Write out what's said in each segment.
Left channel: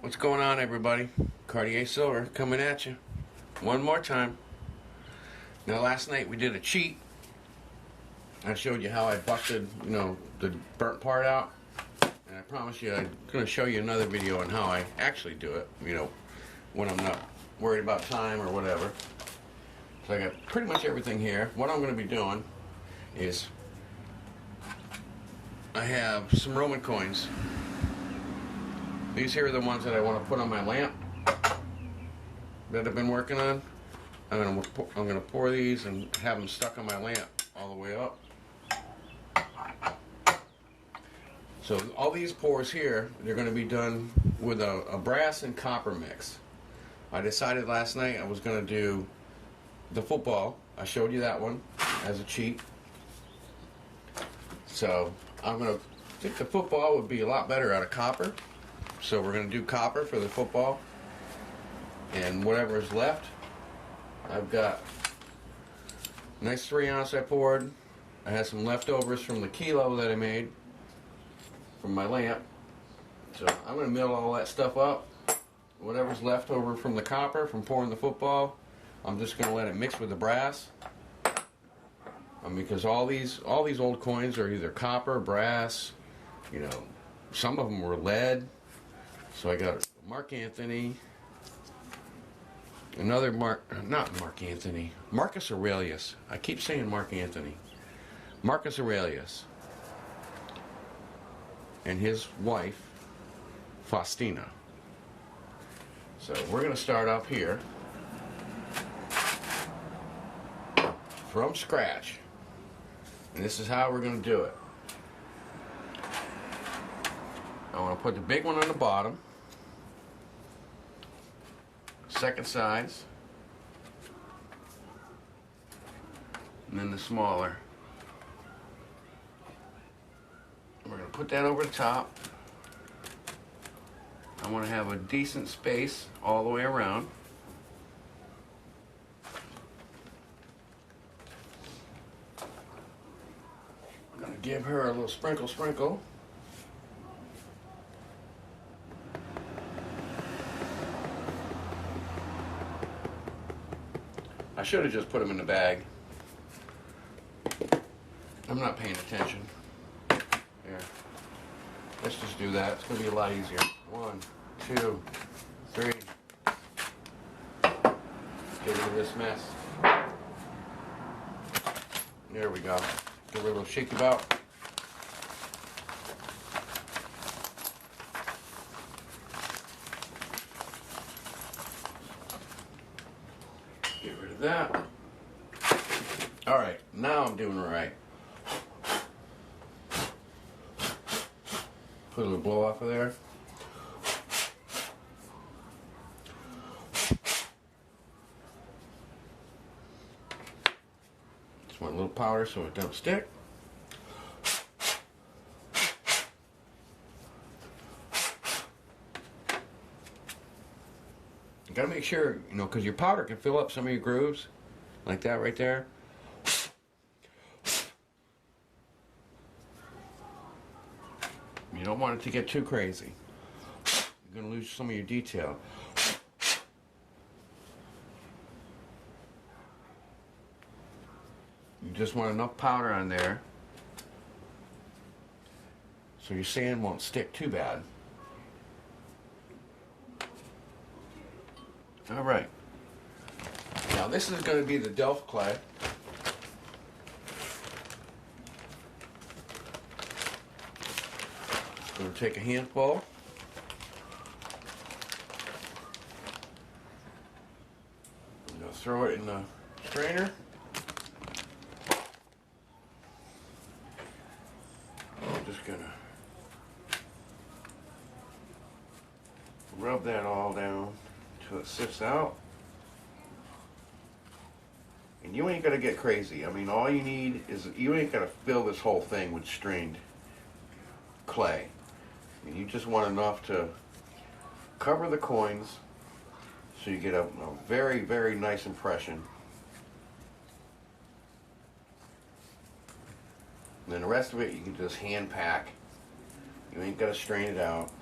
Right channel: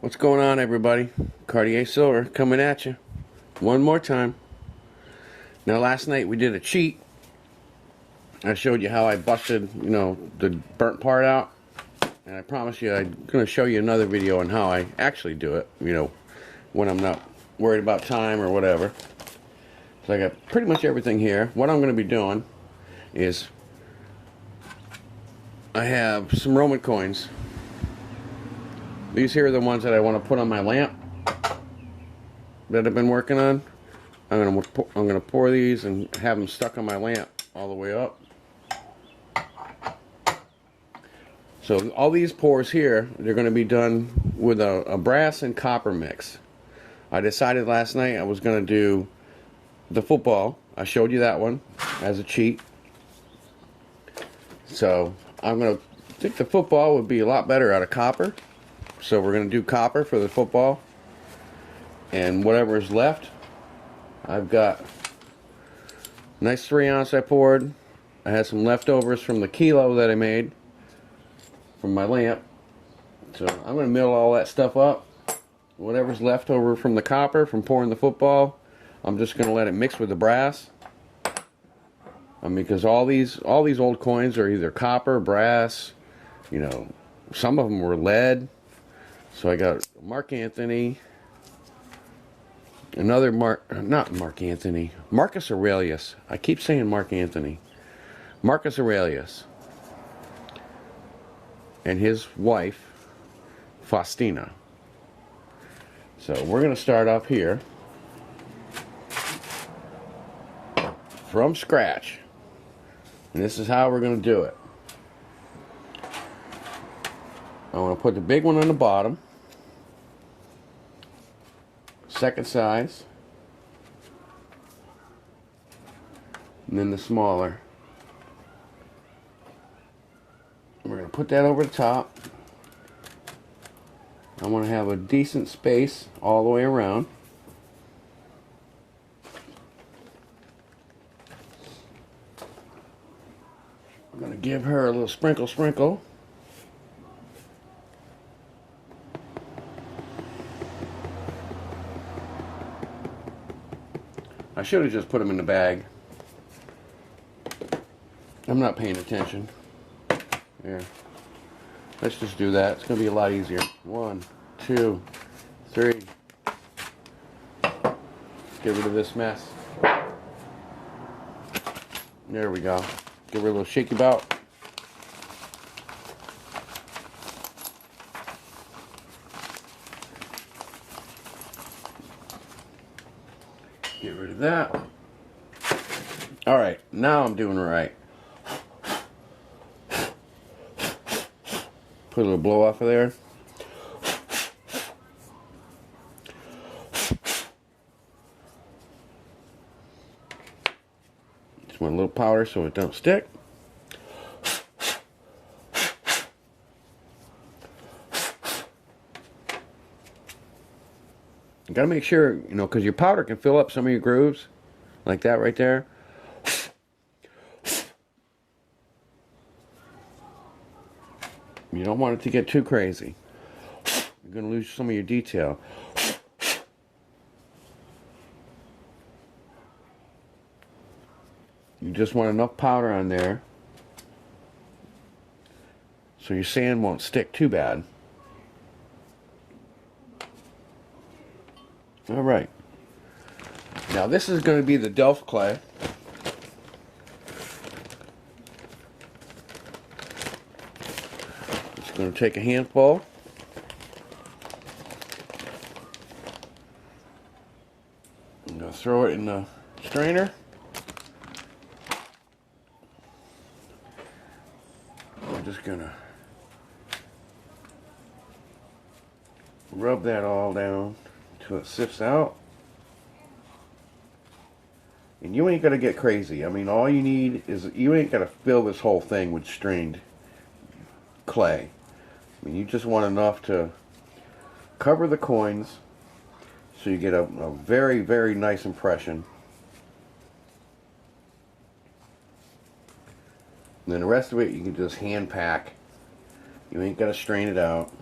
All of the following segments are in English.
What's going on, everybody? Cartier-Silver coming at you one more time. Now, last night we did a cheat. I showed you how I busted, the burnt part out. And I promise you I'm going to show you another video on how I actually do it, when I'm not worried about time or whatever. So I got pretty much everything here. What I'm going to be doing is I have some Roman coins. These here are the ones that I want to put on my lamp that I've been working on. I'm gonna pour these and have them stuck on my lamp all the way up. So all these pours here, they're going to be done with a brass and copper mix. I decided last night I was going to do the football. I showed you that one as a cheat. So I think the football would be a lot better out of copper. So we're going to do copper for the football. And whatever is left, I've got a nice 3-ounce I poured. I had some leftovers from the kilo that I made from my lamp. So I'm going to mill all that stuff up. Whatever's left over from the copper from pouring the football, I'm just going to let it mix with the brass. Because all these old coins are either copper, brass, some of them were lead. So I got Mark Anthony, another Marcus Aurelius. I keep saying Mark Anthony. Marcus Aurelius and his wife, Faustina. So we're going to start off here from scratch. And this is how we're going to do it. I want to put the big one on the bottom. Second size, and then the smaller. And we're going to put that over the top. I want to have a decent space all the way around. I'm going to give her a little sprinkle. I should have just put them in the bag. I'm not paying attention. Here. Let's just do that. It's going to be a lot easier. 1, 2, 3. Let's get rid of this mess. There we go. Give her a little shaky bout. Get rid of that. Alright, now I'm doing it right. Put a little blow off of there. Just want a little powder so it don't stick. You gotta make sure, because your powder can fill up some of your grooves, like that right there. You don't want it to get too crazy. You're gonna lose some of your detail. You just want enough powder on there so your sand won't stick too bad. Alright. Now this is going to be the Delft clay. Just going to take a handful. I'm going to throw it in the strainer. I'm just going to rub that all down until it sifts out. And you ain't gonna get crazy. All you need is, you ain't gonna fill this whole thing with strained clay. You just want enough to cover the coins so you get a very, very nice impression. And then the rest of it you can just hand pack. You ain't got to strain it out.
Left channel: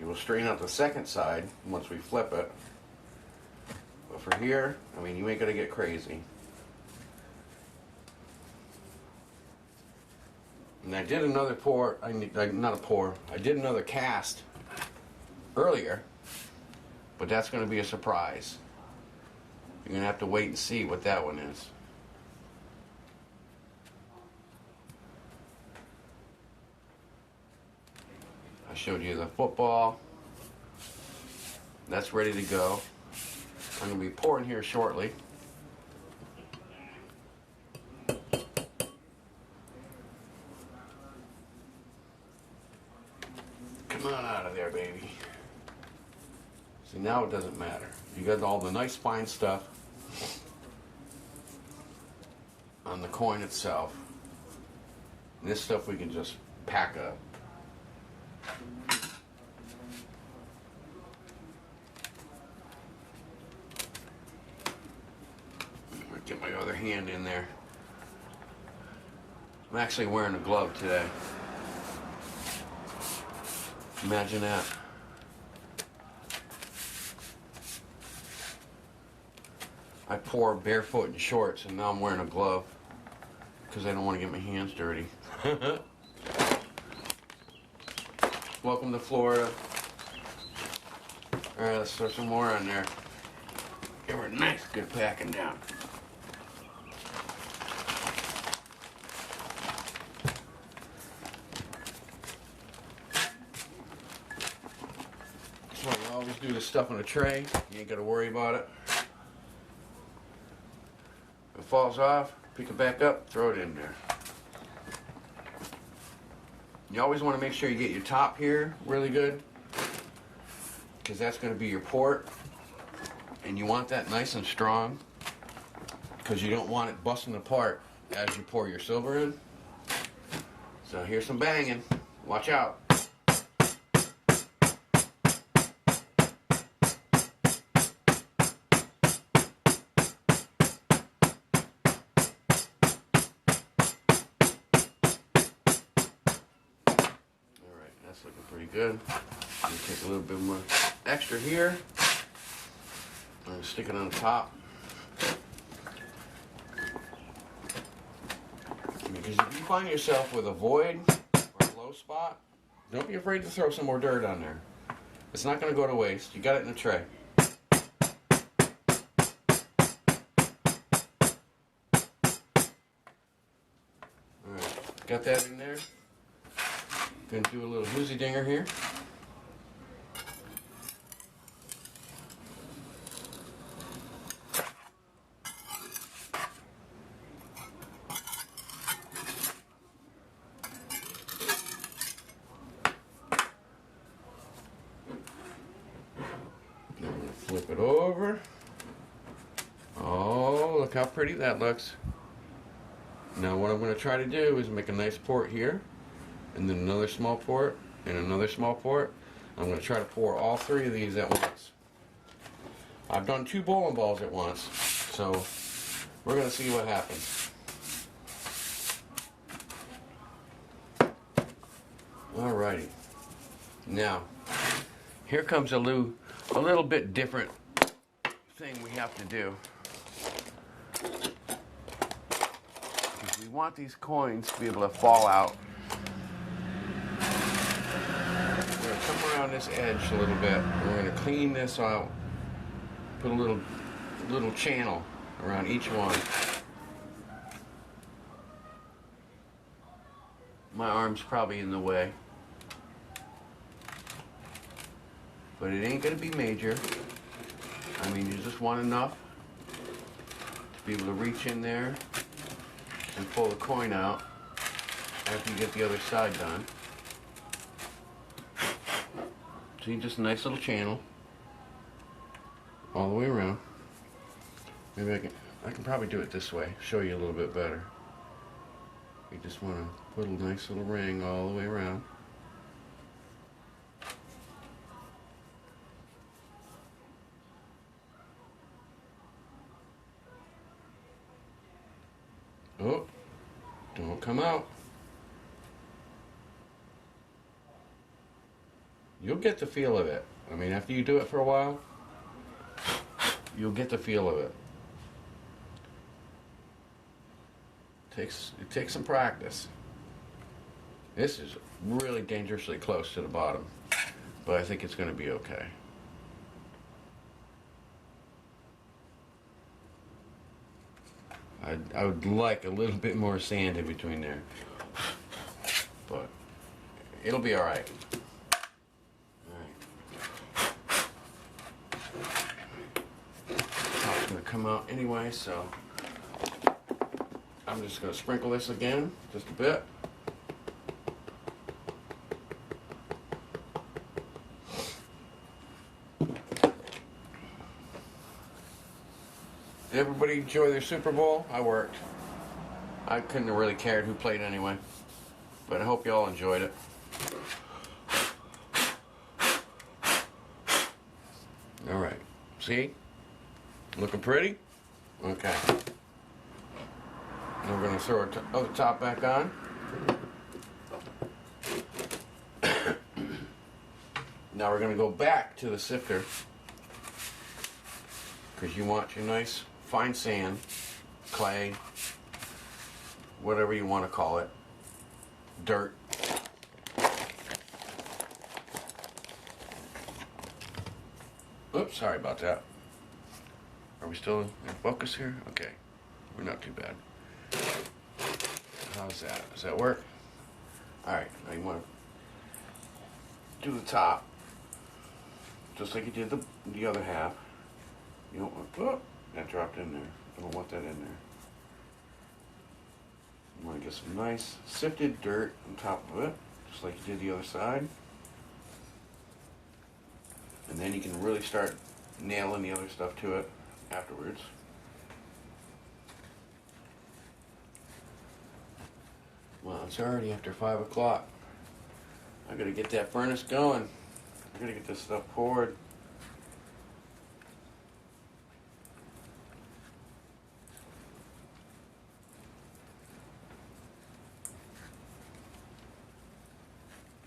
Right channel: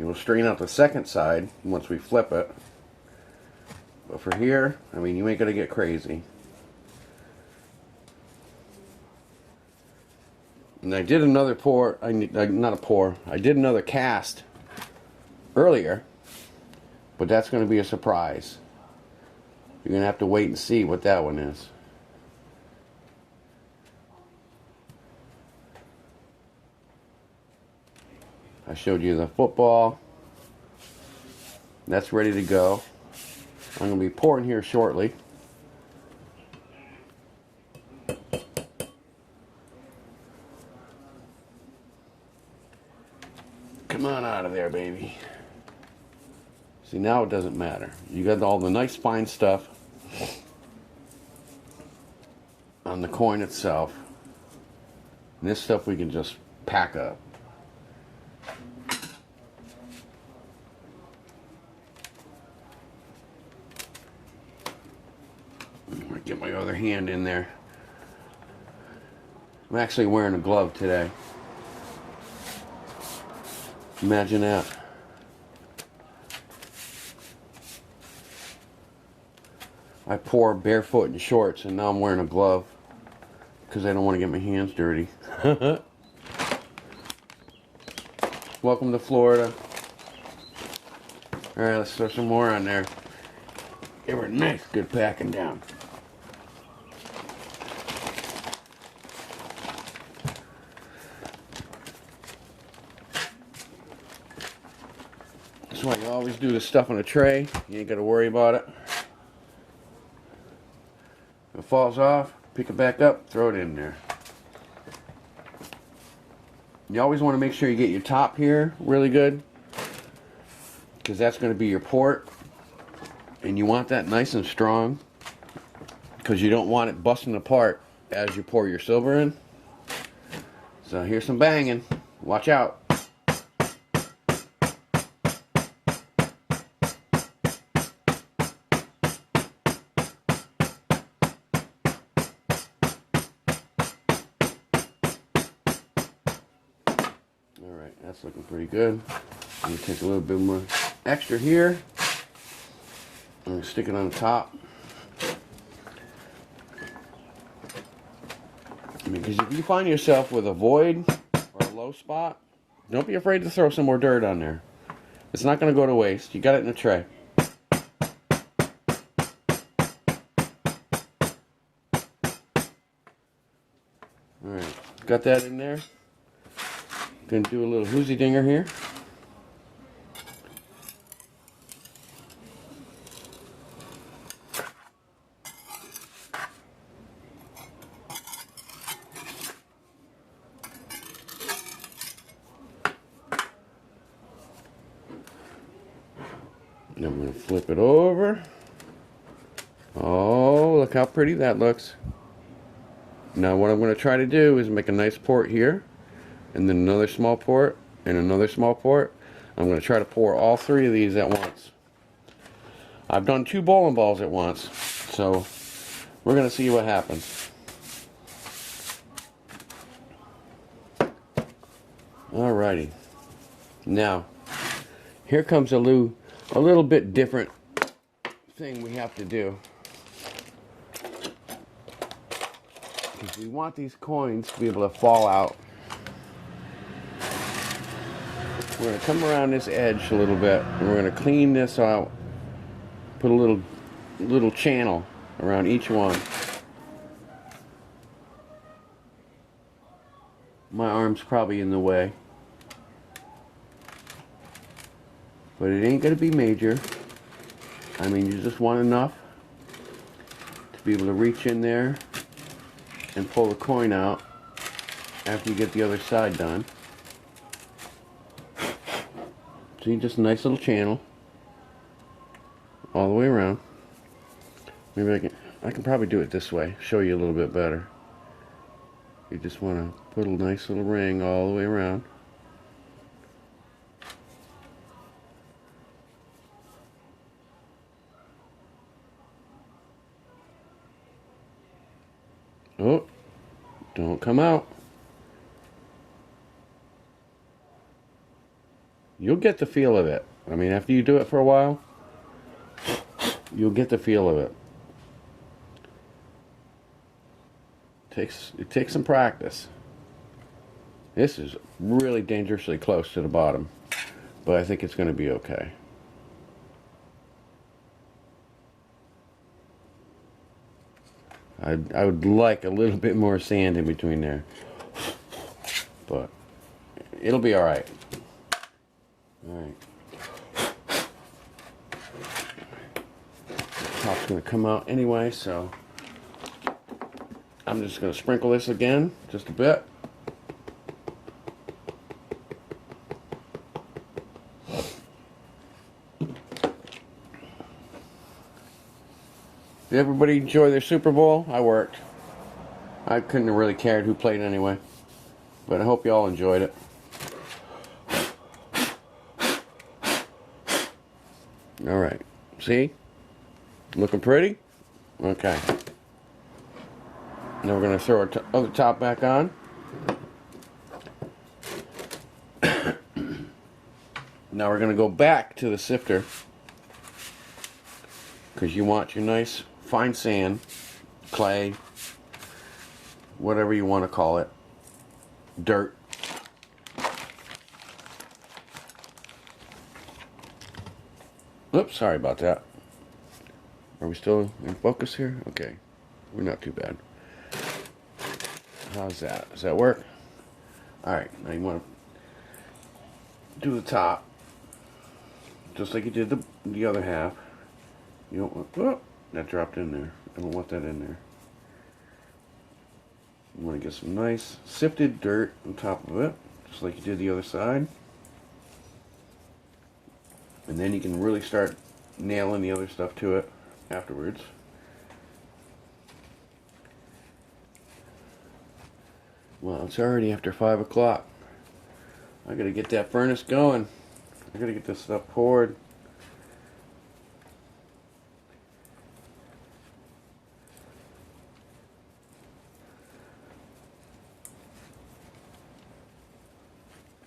You'll straighten out the second side once we flip it. But for here, I mean, you ain't gonna get crazy. And I did another pour, not a pour, I did another cast earlier, but that's gonna be a surprise. You're gonna have to wait and see what that one is. I showed you the football. That's ready to go. I'm going to be pouring here shortly. Come on out of there, baby. See, now it doesn't matter. You got all the nice fine stuff on the coin itself. And this stuff we can just pack up. Get my other hand in there. I'm actually wearing a glove today. Imagine that. I pour barefoot in shorts and now I'm wearing a glove because I don't want to get my hands dirty. Welcome to Florida. Alright, let's throw some more on there. They were nice, good packing down. That's why you always do the stuff on a tray. You ain't got to worry about it. If it falls off, pick it back up, throw it in there. You always want to make sure you get your top here really good, because that's going to be your port. And you want that nice and strong, because you don't want it busting apart as you pour your silver in. So here's some banging. Watch out. Alright, that's looking pretty good. I'm going to take a little bit more extra here. I'm going to stick it on top. Because if you find yourself with a void or a low spot, don't be afraid to throw some more dirt on there. It's not going to go to waste. You got it in a tray. Alright, got that in there. Going to do a little whoozy dinger here. And I'm going to flip it over. Oh, look how pretty that looks. Now what I'm going to try to do is make a nice port here, and then another small port, and another small port. I'm going to try to pour all three of these at once. I've done 2 bowling balls at once, so we're going to see what happens. Alrighty. Now, here comes a little bit different thing we have to do. Because we want these coins to be able to fall out. We're going to come around this edge a little bit, and we're going to clean this out. Put a little channel around each one. My arm's probably in the way, but it ain't going to be major. I mean, you just want enough to be able to reach in there and pull the coin out after you get the other side done. See, just a nice little channel all the way around. Maybe I can probably do it this way, show you a little bit better. You just want to put a nice little ring all the way around. Oh, don't come out. You'll get the feel of it. I mean, after you do it for a while, you'll get the feel of it. It takes some practice. This is really dangerously close to the bottom, but I think it's going to be okay. I would like a little bit more sand in between there, but it'll be all right. All right. Top's going to come out anyway, so I'm just going to sprinkle this again, just a bit. Did everybody enjoy their Super Bowl? I worked. I couldn't have really cared who played anyway. But I hope you all enjoyed it. Alright. See? Looking pretty? Okay. Now we're going to throw our other top back on. Now we're going to go back to the sifter, because you want your nice fine sand, clay, whatever you want to call it, dirt. Oops, sorry about that. Are we still in focus here? Okay, we're not too bad. How's that? Does that work? Alright, now you want to do the top, just like you did the other half. You don't want, oh, that dropped in there. I don't want that in there. You want to get some nice sifted dirt on top of it, just like you did the other side. And then you can really start nailing the other stuff to it afterwards. Well, it's already after 5 o'clock. I gotta get that furnace going. I gotta get this stuff poured.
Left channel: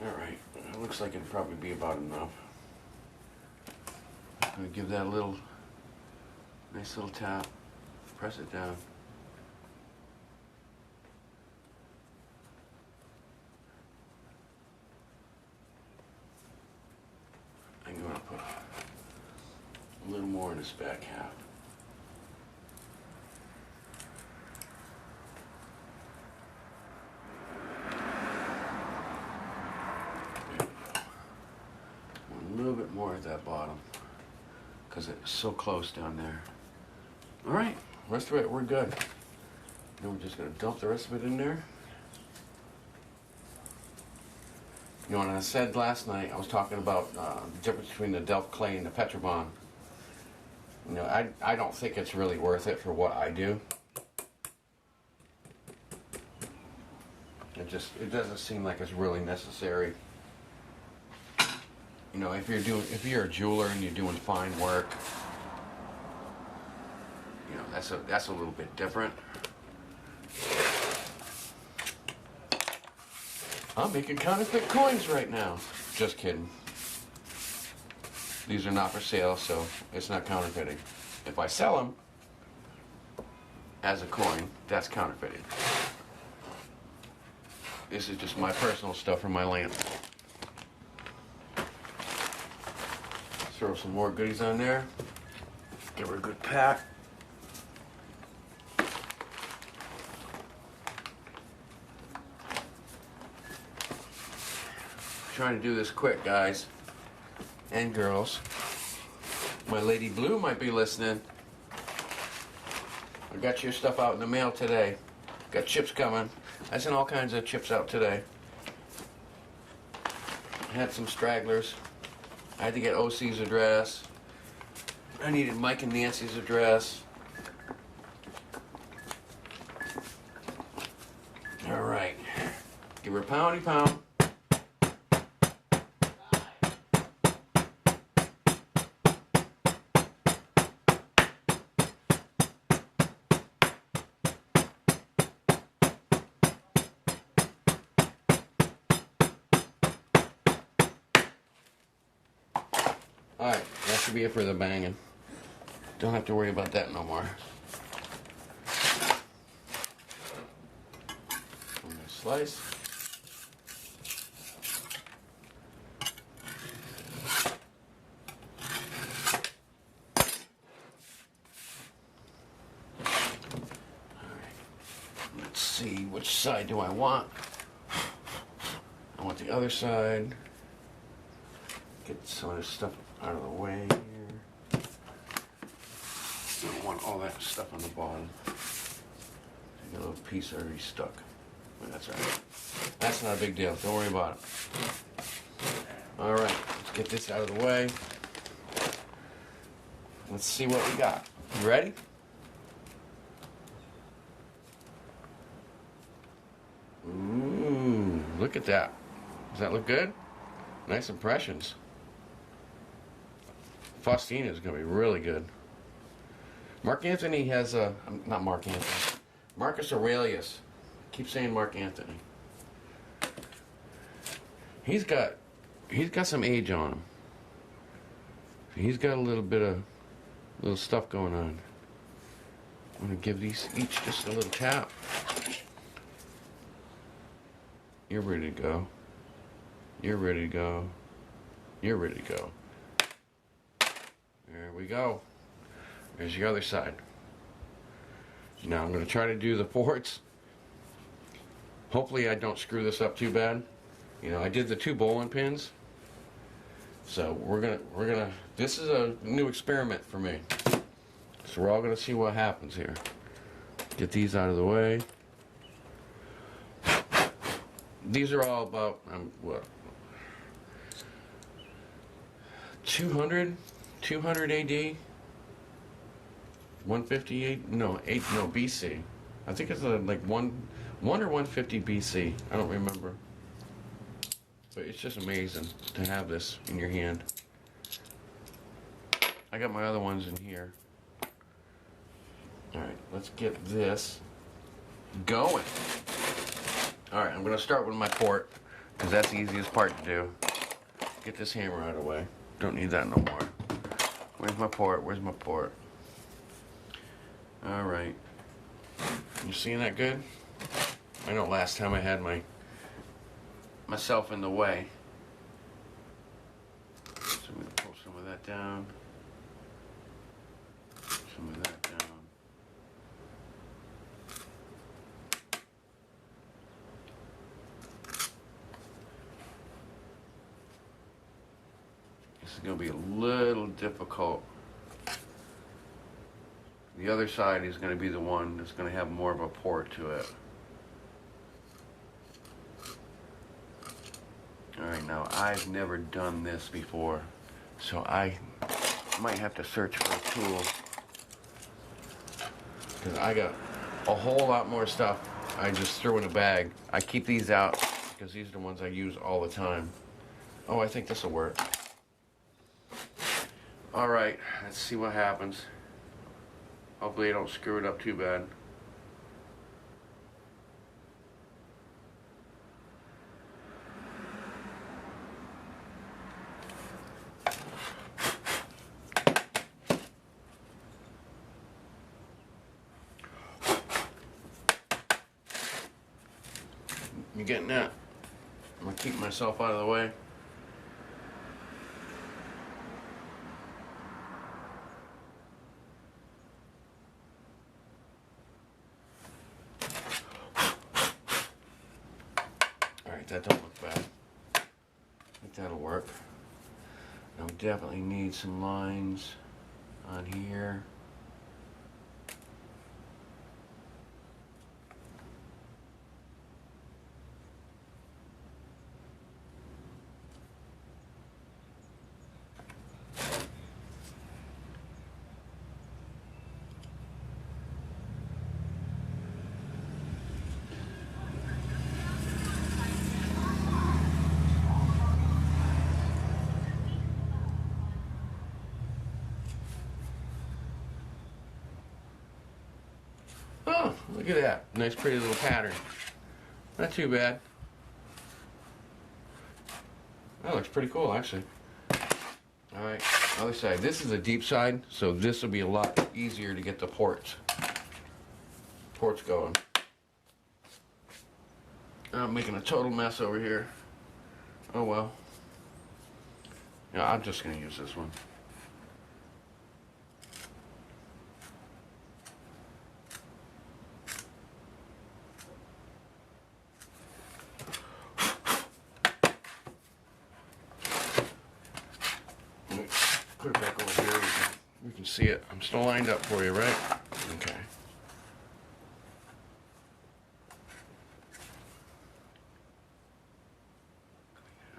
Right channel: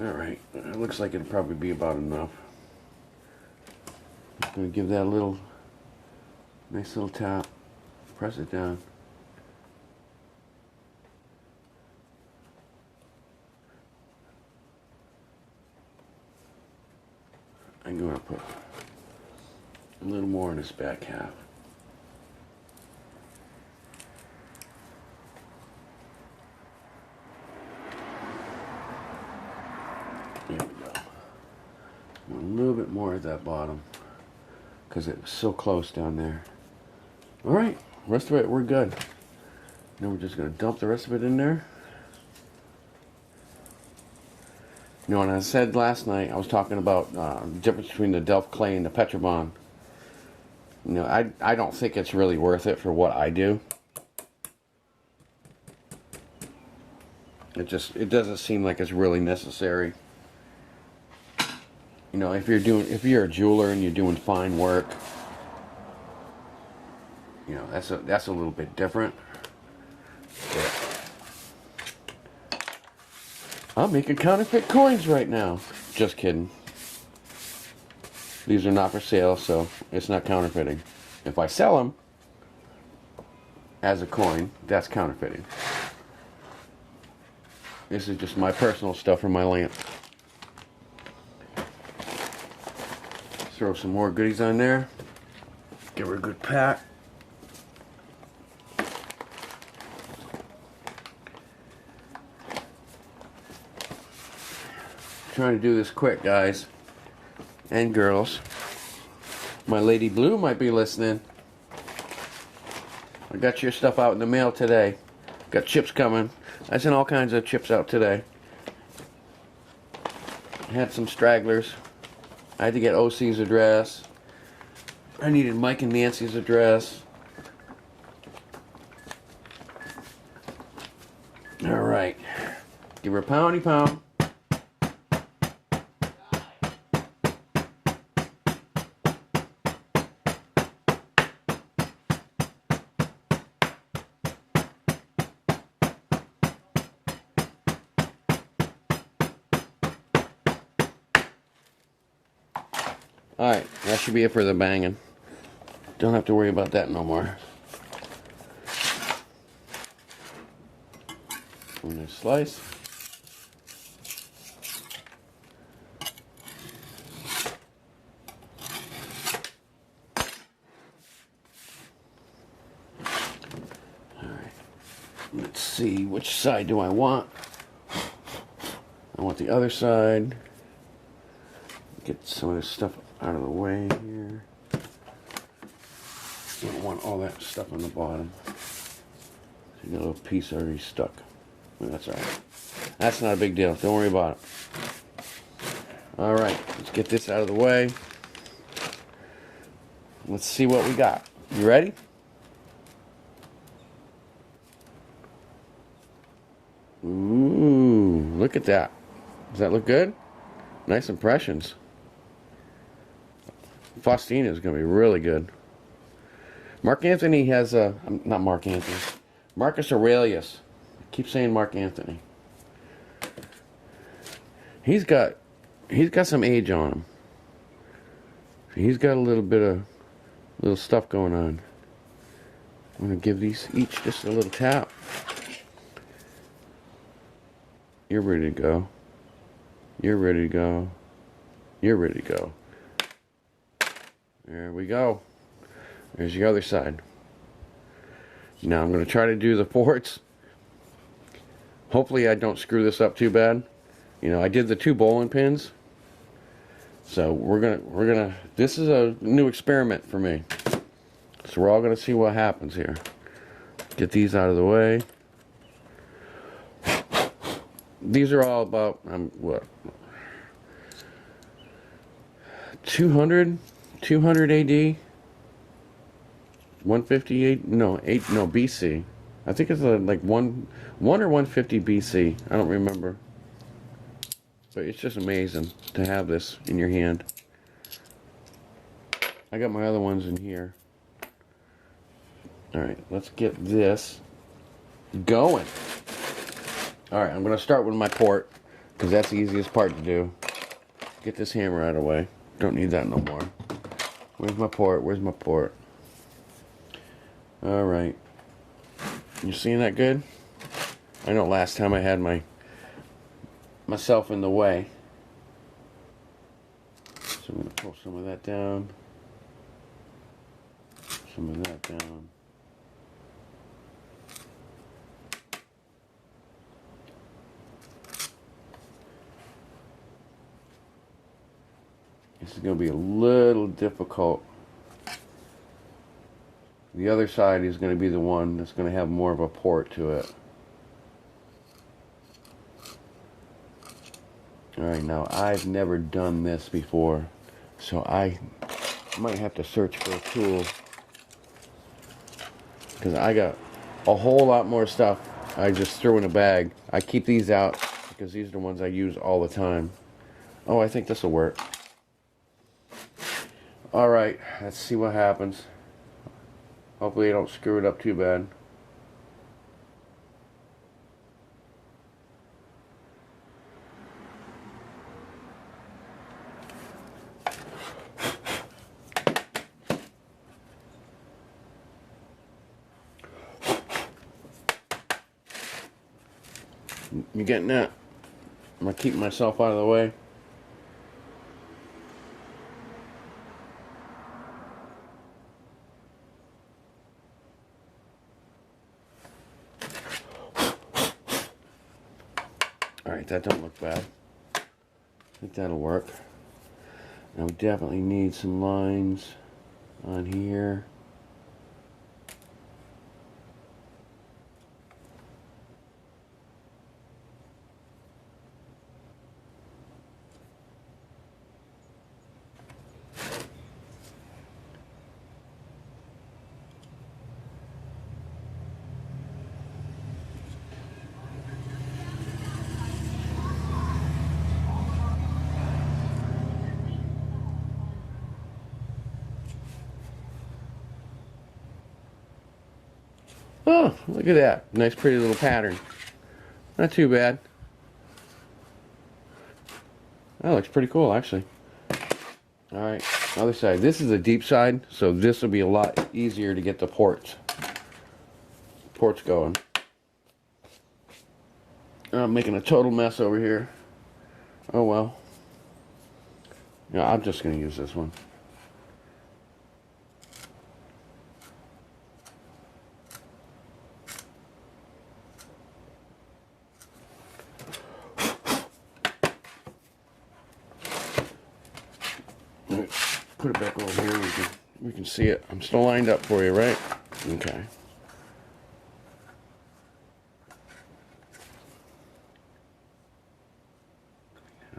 Alright, it looks like it'll probably be about enough. I'm going to give that a little, nice little tap, press it down. I'm going to put a little more in this back half. There we go. A little bit more at that bottom, because it was so close down there. Alright, rest of it, we're good. Now we're just going to dump the rest of it in there. You know, and I said last night, I was talking about the difference between the Delft clay and the Petrobond. You know, I don't think it's really worth it for what I do. It doesn't seem like it's really necessary. You know, if you're a jeweler and you're doing fine work, you know, that's a little bit different. I'm making counterfeit coins right now. Just kidding. These are not for sale, so it's not counterfeiting. If I sell them as a coin, that's counterfeiting. This is just my personal stuff from my lamp. Throw some more goodies on there. Give her a good pack. Trying to do this quick, guys and girls. My Lady Blue might be listening. I got your stuff out in the mail today. Got chips coming. I sent all kinds of chips out today. I had some stragglers. I had to get OC's address. I needed Mike and Nancy's address. Alright. Give her a poundy pound. Alright, that should be it for the banging. Don't have to worry about that no more. I'm going to slice. Let's see, which side do I want? I want the other side. Get some of this stuff out of the way here. Don't want all that stuff on the bottom. You got a little piece already stuck. Well, that's alright. That's not a big deal. Don't worry about it. Alright, let's get this out of the way. Let's see what we got. You ready? Ooh, look at that. Does that look good? Nice impressions. Faustina is going to be really good. Mark Anthony has a... not Mark Anthony. Marcus Aurelius. I keep saying Mark Anthony. He's got some age on him. He's got a little bit of little stuff going on. I'm going to give these each just a little tap. You're ready to go. You're ready to go. You're ready to go. There we go. There's your other side. Now I'm going to try to do the ports. Hopefully I don't screw this up too bad. You know, I did the 2 bowling pins. So we're gonna this is a new experiment for me. So we're all gonna see what happens here. Get these out of the way. These are all about what, 200 AD, 158, no BC. I think it's like 1 or 150 BC. I don't remember. But it's just amazing to have this in your hand. I got my other ones in here. Alright, let's get this going. Alright, I'm going to start with my port, because that's the easiest part to do. Get this hammer out of the way. Don't need that no more. Where's my port? Where's my port? Alright. You seeing that good? I know last time I had myself in the way. So I'm going to pull some of that down. Some of that down. This is going to be a little difficult. The other side is going to be the one that's going to have more of a port to it. Alright, now I've never done this before, so I might have to search for a tool, because I got a whole lot more stuff I just threw in a bag. I keep these out because these are the ones I use all the time. Oh, I think this will work. Alright, let's see what happens. Hopefully I don't screw it up too bad. You getting that? I'm going to keep myself out of the way. Alright, that don't look bad. I think that'll work. Now we definitely need some lines on here. Oh, look at that. Nice pretty little pattern. Not too bad. That looks pretty cool, actually. Alright, other side. This is a deep side, so this will be a lot easier to get the ports going. I'm making a total mess over here. Oh well. Yeah, I'm just going to use this one. Put it back over here. We can see it. I'm still lined up for you, right? Okay.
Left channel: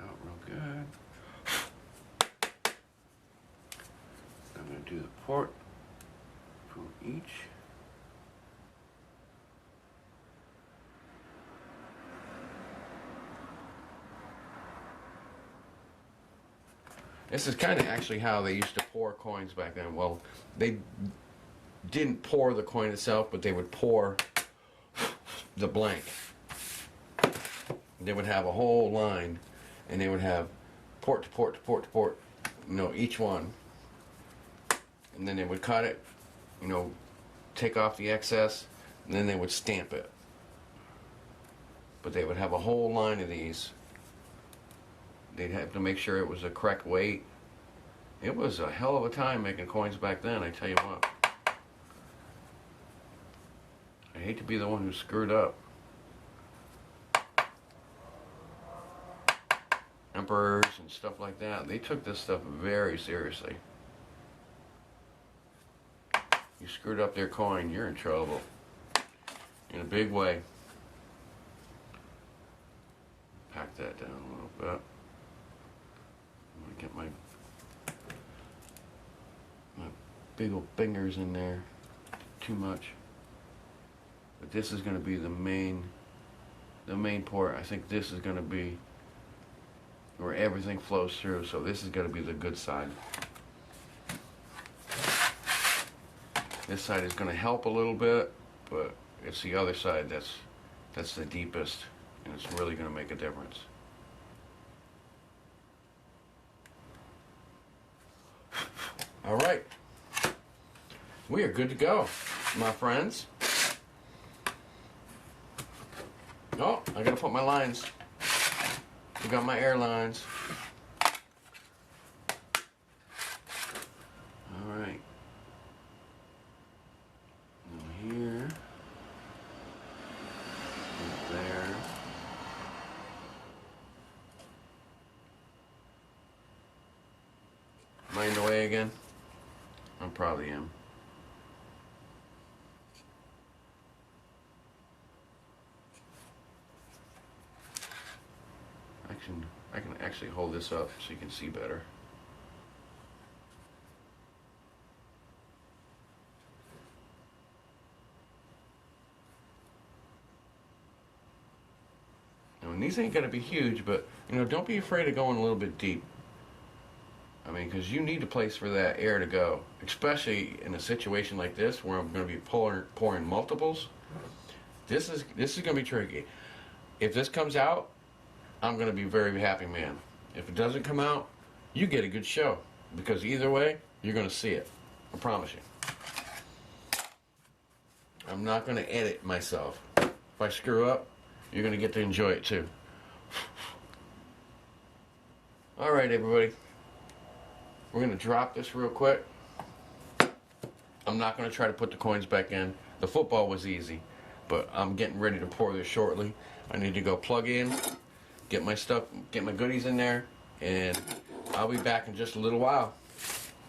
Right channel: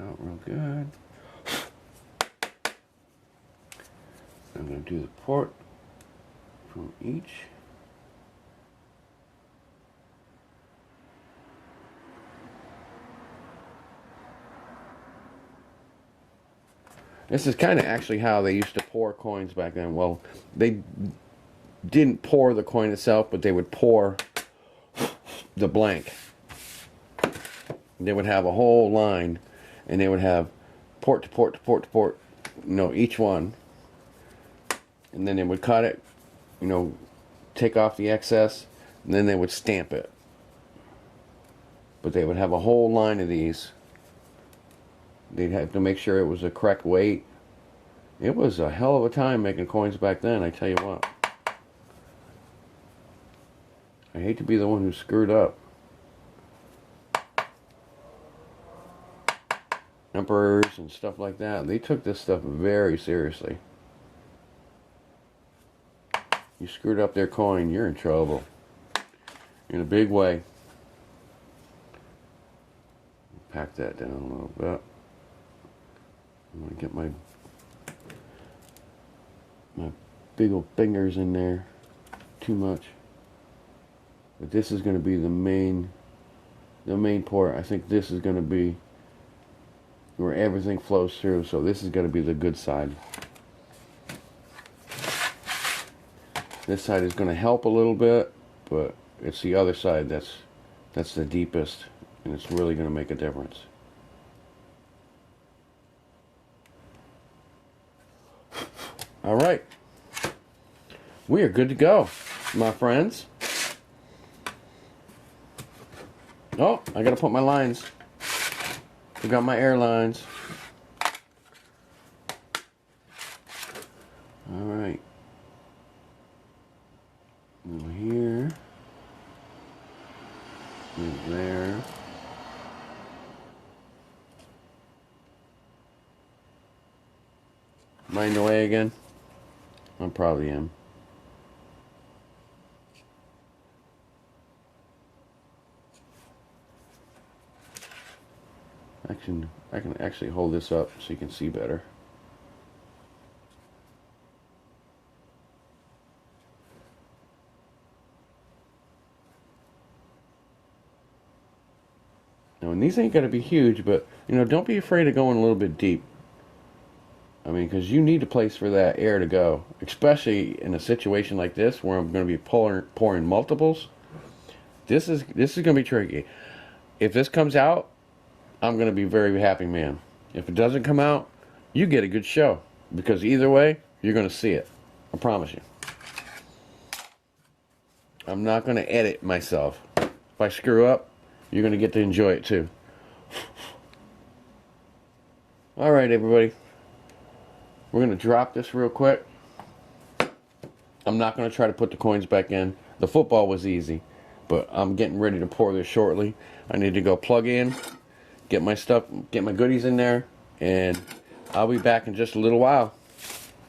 Out real good. I'm going to do the port from each. This is kind of actually how they used to pour coins back then. Well, they didn't pour the coin itself, but they would pour the blank. They would have a whole line, and they would have port to port to port to port, each one. And then they would cut it, take off the excess, and then they would stamp it. But they would have a whole line of these. They'd have to make sure it was the correct weight. It was a hell of a time making coins back then, I tell you what. I hate to be the one who screwed up. Emperors and stuff like that, they took this stuff very seriously. You screwed up their coin, you're in trouble. In a big way. Pack that down a little bit. I'm going to get my big old fingers in there. Too much. But this is going to be the main port. I think this is going to be where everything flows through. So this is going to be the good side. This side is going to help a little bit, but it's the other side that's the deepest, and it's really going to make a difference. All right, we are good to go, my friends. Oh, I gotta put my lines. I got my air lines. All right. Over here. And there. Am I in the way again? I probably am. I can actually hold this up so you can see better. Now, and these ain't gonna be huge, but don't be afraid of going a little bit deep. I mean, because you need a place for that air to go, especially in a situation like this where I'm going to be pouring multiples. This is going to be tricky. If this comes out, I'm going to be a very happy man. If it doesn't come out, you get a good show, because either way, you're going to see it. I promise you. I'm not going to edit myself. If I screw up, you're going to get to enjoy it too. All right, everybody. We're going to drop this real quick. I'm not going to try to put the coins back in. The football was easy, but I'm getting ready to pour this shortly. I need to go plug in, get my stuff, get my goodies in there, and I'll be back in just a little while.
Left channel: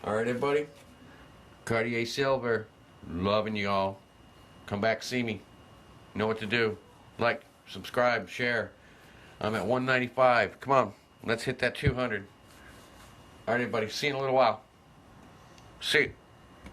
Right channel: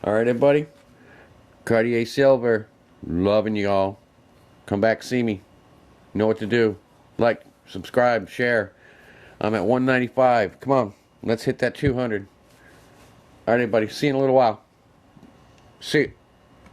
All right, everybody? Cartiersivler, loving you all. Come back, see me. Know what to do. Like, subscribe, share. I'm at 195. Come on, let's hit that 200. All right, everybody. See you in a little while. See you.